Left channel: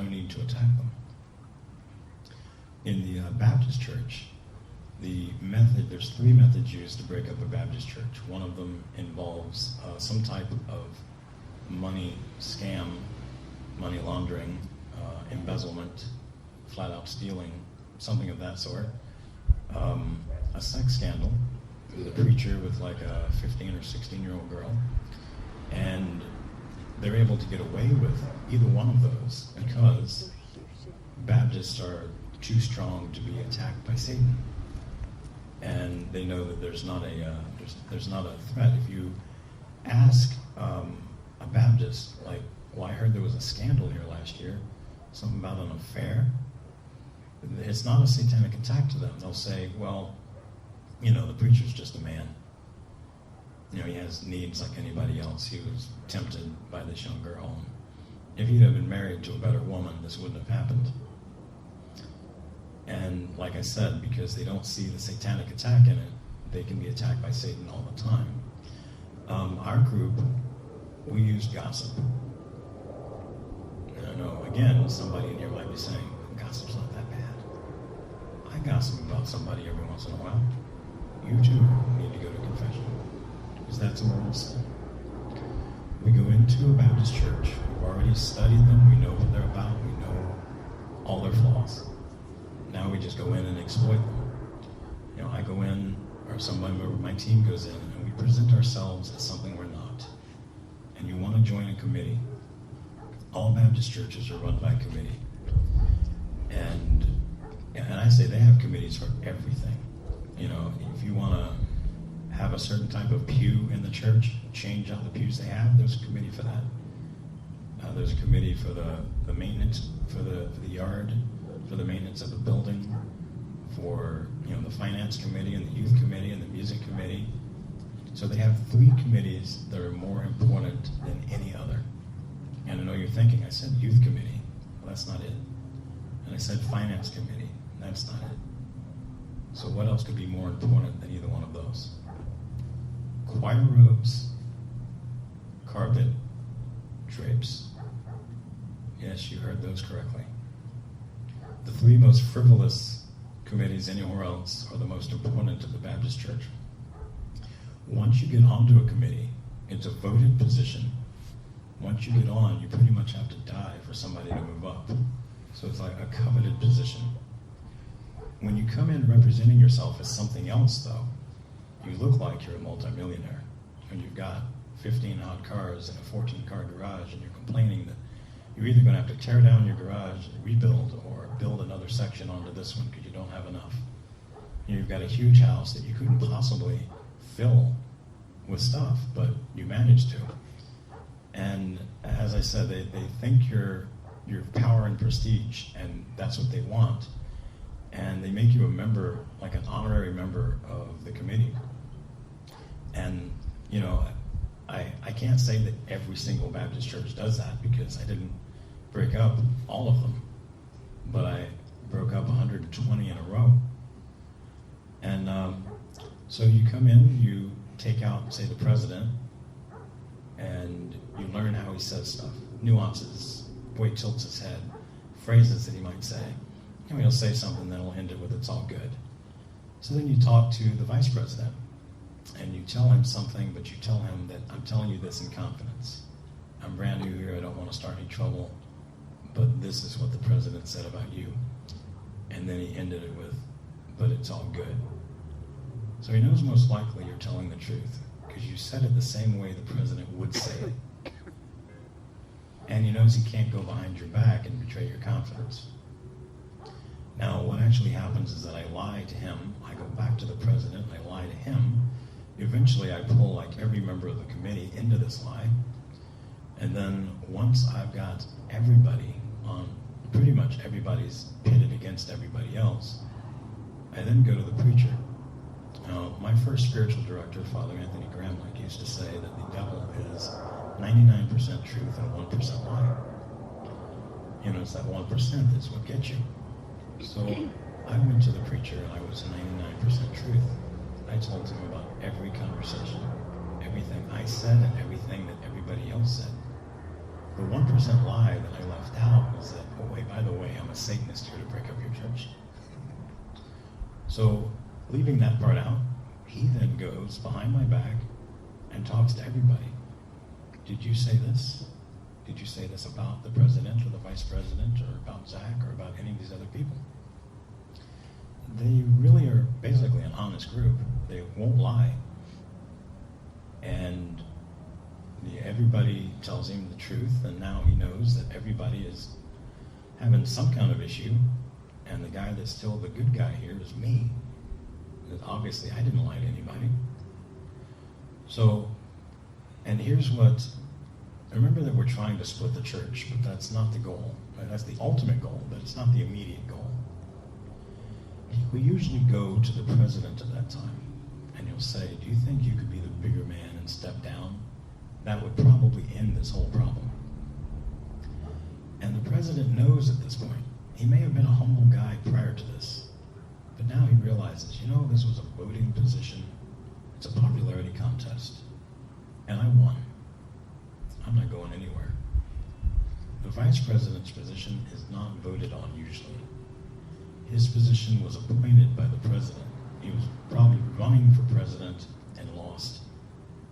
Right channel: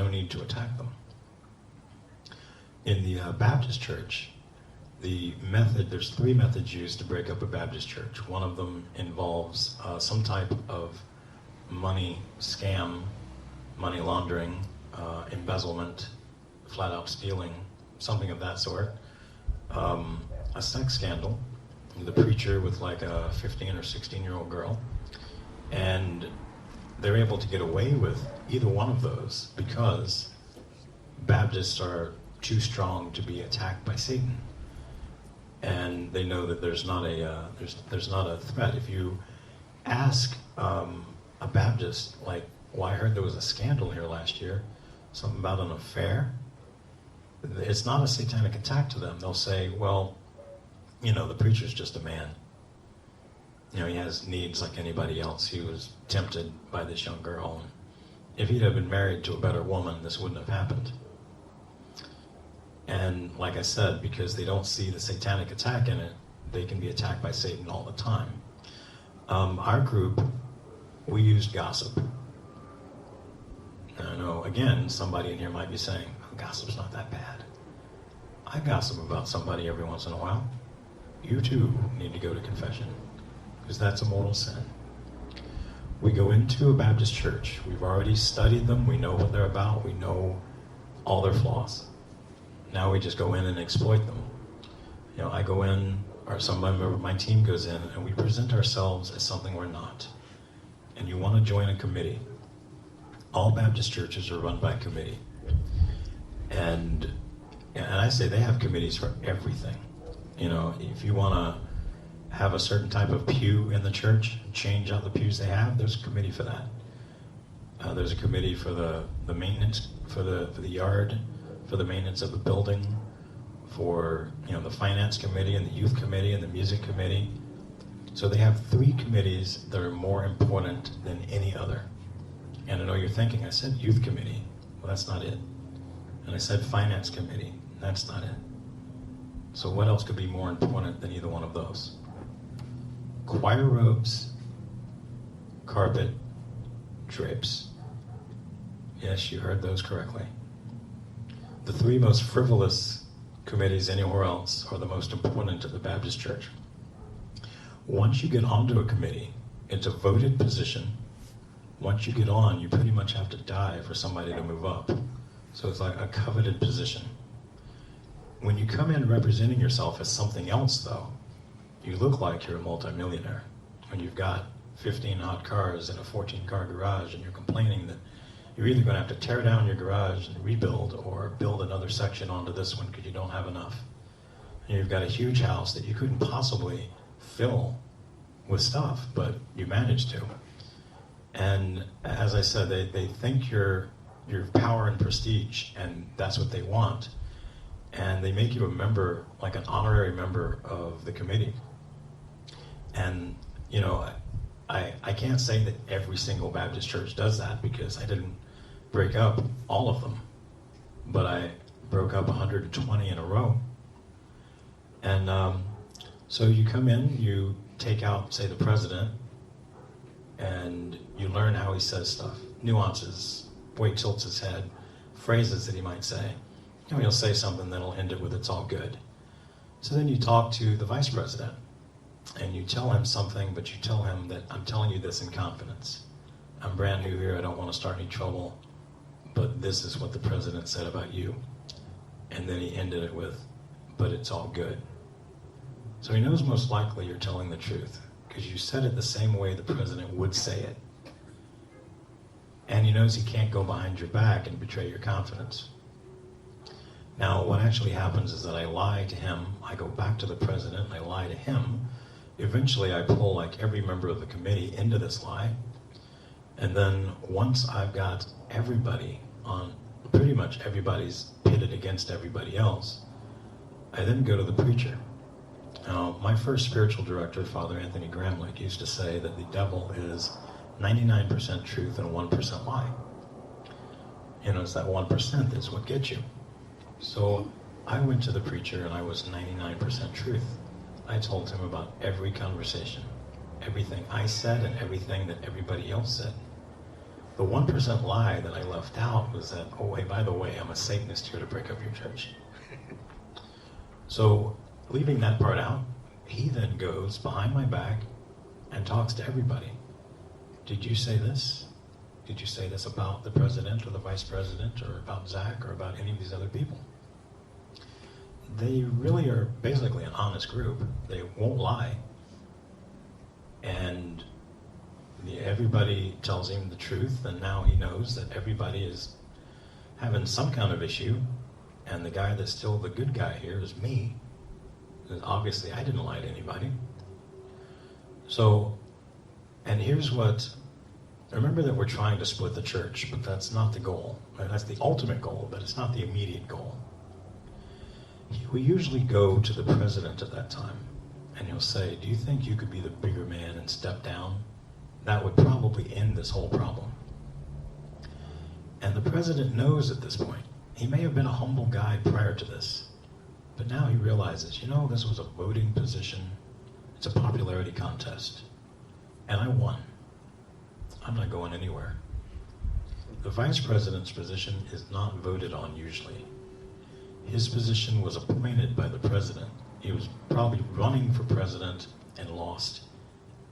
no need to attack them. In the Baptist church, there's 3 methods used to break up a Baptist church. One of them involves some type of money scam, money laundering, embezzlement, flat out stealing, something of that sort. A sex scandal with a preacher with like a 15 or 16-year-old girl. And they're able to get away with either one of those because Baptists are too strong to be attacked by Satan. And they know that there's not a threat. If you ask a Baptist, like, well, I heard there was a scandal here last year, something about an affair, it's not a satanic attack to them. They'll say, well, the preacher's just a man. He has needs like anybody else. He was tempted by this young girl. If he'd have been married to a better woman, this wouldn't have happened. And like I said, because they don't see the satanic attack in it, they can be attacked by Satan all the time. Our group, we used gossip. I know, again, somebody in here might be saying, gossip's not that bad. I gossip about somebody every once in a while. You too need to go to confession, because that's a mortal sin. We go into a Baptist church. We've already studied them. We know what they're about. We know all their flaws. Now we just go in and exploit them. I go in, or some member of my team goes in, and we present ourselves as something we're not. And you want to join a committee. All Baptist churches are run by committee. And I say they have committees for everything. If you want to have a certain type of pew in the church, change out the pews they have, there's a committee for that. There's a committee for the maintenance, for the yard, for the maintenance of the building, for the finance committee and the youth committee and the music committee. So they have 3 committees that are more important than any other. And I know you're thinking, I said youth committee. Well, that's not it. And I said finance committee. That's not it. So what else could be more important than either one of those? Choir robes, carpet, drapes. Yes, you heard those correctly. The 3 most frivolous committees anywhere else are the most important to the Baptist church. Once you get onto a committee, it's a voted position. Once you get on, you pretty much have to die for somebody to move up. So it's like a coveted position. When you come in representing yourself as something else, though, you look like you're a multimillionaire. When you've got 15 hot cars in a 14-car garage and you're complaining that you're either going to have to tear down your garage and rebuild or build another section onto this one because you don't have enough. And you've got a huge house that you couldn't possibly fill with stuff, but you managed to. And as I said, they think you're power and prestige, and that's what they want. And they make you a member, like an honorary member of the committee. And, I can't say that every single Baptist church does that because I didn't break up all of them, but I broke up 120 in a row. And so you come in, you take out, say, the president, and you learn how he says stuff, nuances, the way he tilts his head, phrases that he might say. He'll say something, then he'll end it with, it's all good. So then you talk to the vice president, and you tell him something, but you tell him that I'm telling you this in confidence. I'm brand new here, I don't want to start any trouble, but this is what the president said about you. And then he ended it with, but it's all good. So he knows most likely you're telling the truth, because you said it the same way the president would say it. And he knows he can't go behind your back and betray your confidence. Now, what actually happens is that I lie to him, I go back to the president, I lie to him. Eventually, I pull like every member of the committee into this lie. And then once I've got everybody on, pretty much everybody's pitted against everybody else, I then go to the preacher. Now, my first spiritual director, Father Anthony Gramlich, used to say that the devil is 99% truth and 1% lie. It's that 1% that's what gets you. So I went to the preacher and I was 99% truth. I told him about every conversation, everything I said and everything that everybody else said. The 1% lie that I left out was that, oh wait, by the way, I'm a Satanist here to break up your church. So, leaving that part out, he then goes behind my back and talks to everybody. Did you say this? Did you say this about the president or the vice president or about Zach or about any of these other people? They really are basically an honest group. They won't lie. And everybody tells him the truth, and now he knows that everybody is having some kind of issue, and the guy that's still the good guy here is me. Obviously, I didn't lie to anybody. So, and here's what, remember that we're trying to split the church, but that's not the goal. That's the ultimate goal, but it's not the immediate goal. We usually go to the president at that time, and he'll say, do you think you could be the bigger man and step down? That would probably end this whole problem. And the president knows at this point. He may have been a humble guy prior to this, but now he realizes, you know, this was a voting position. It's a popularity contest, and I won. I'm not going anywhere. The vice president's position is not voted on usually. His position was appointed by the president. He was probably running for president and lost.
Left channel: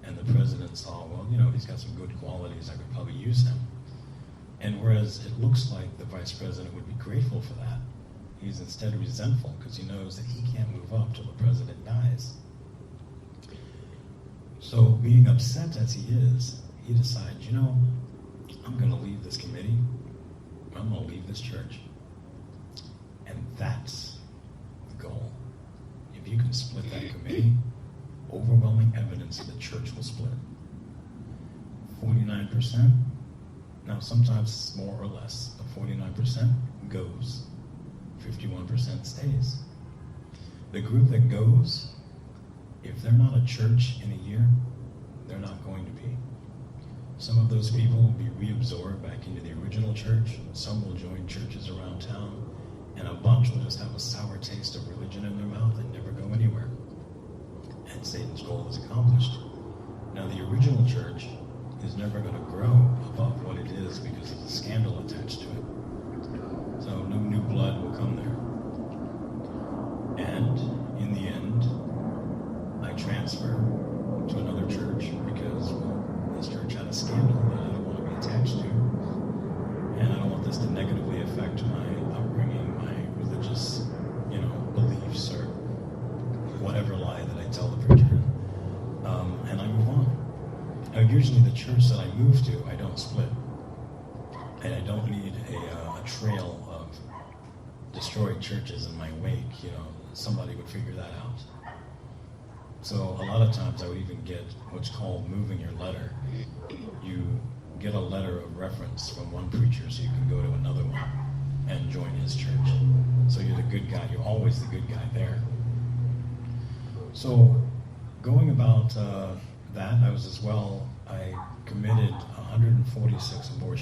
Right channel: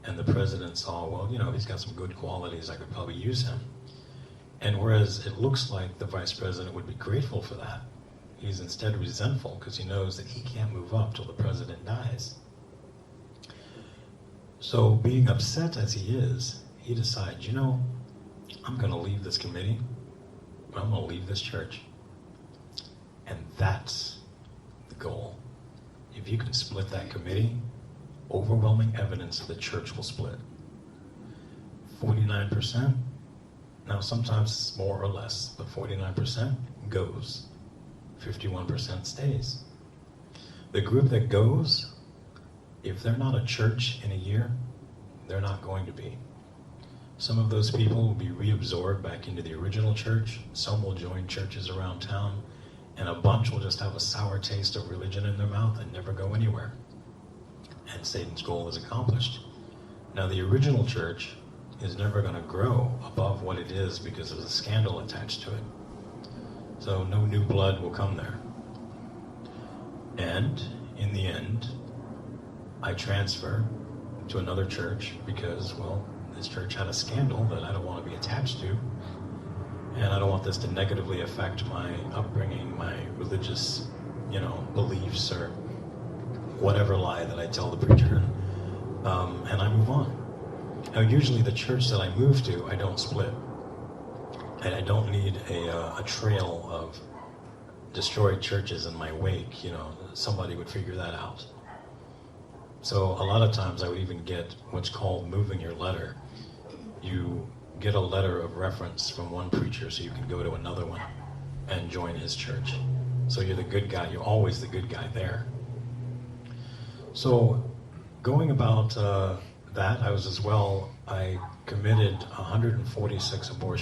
And the president saw, well, you know, he's got some good qualities, I could probably use him. And whereas it looks like the vice president would be grateful for that, he's instead resentful because he knows that he can't move up till the president dies. So being upset as he is, he decides, you know, I'm going to leave this committee, I'm going to leave this church. And that's the goal. If you can split that committee, overwhelming evidence that the church will split. 49%, now sometimes it's more or less, but 49% goes. 51% stays. The group that goes, if they're not a church in a year, they're not going to be. Some of those people will be reabsorbed back into the original church. Some will join churches around town, and a bunch will just have a sour taste of religion in their mouth and never go anywhere. And Satan's goal is accomplished. Now, the original church is never going to grow above what it is because there's a scandal attached to it. So no new blood will come there. And in the end, I transfer to another church because, well, this church had a scandal that I don't want to be attached to. And I don't want this to negatively affect my upbringing, my religious, beliefs or whatever lie that I tell the preacher. And I move on. Now, usually the church that I move to, I don't split. And I don't need a trail of destroyed churches in my wake. Somebody would figure that out. So a lot of times I would even get what's called moving your letter. You get a letter of reference from one preacher so you can go to another one and join his church. So you're the good guy. You're always the good guy there. So going about that, I committed 146 abortions.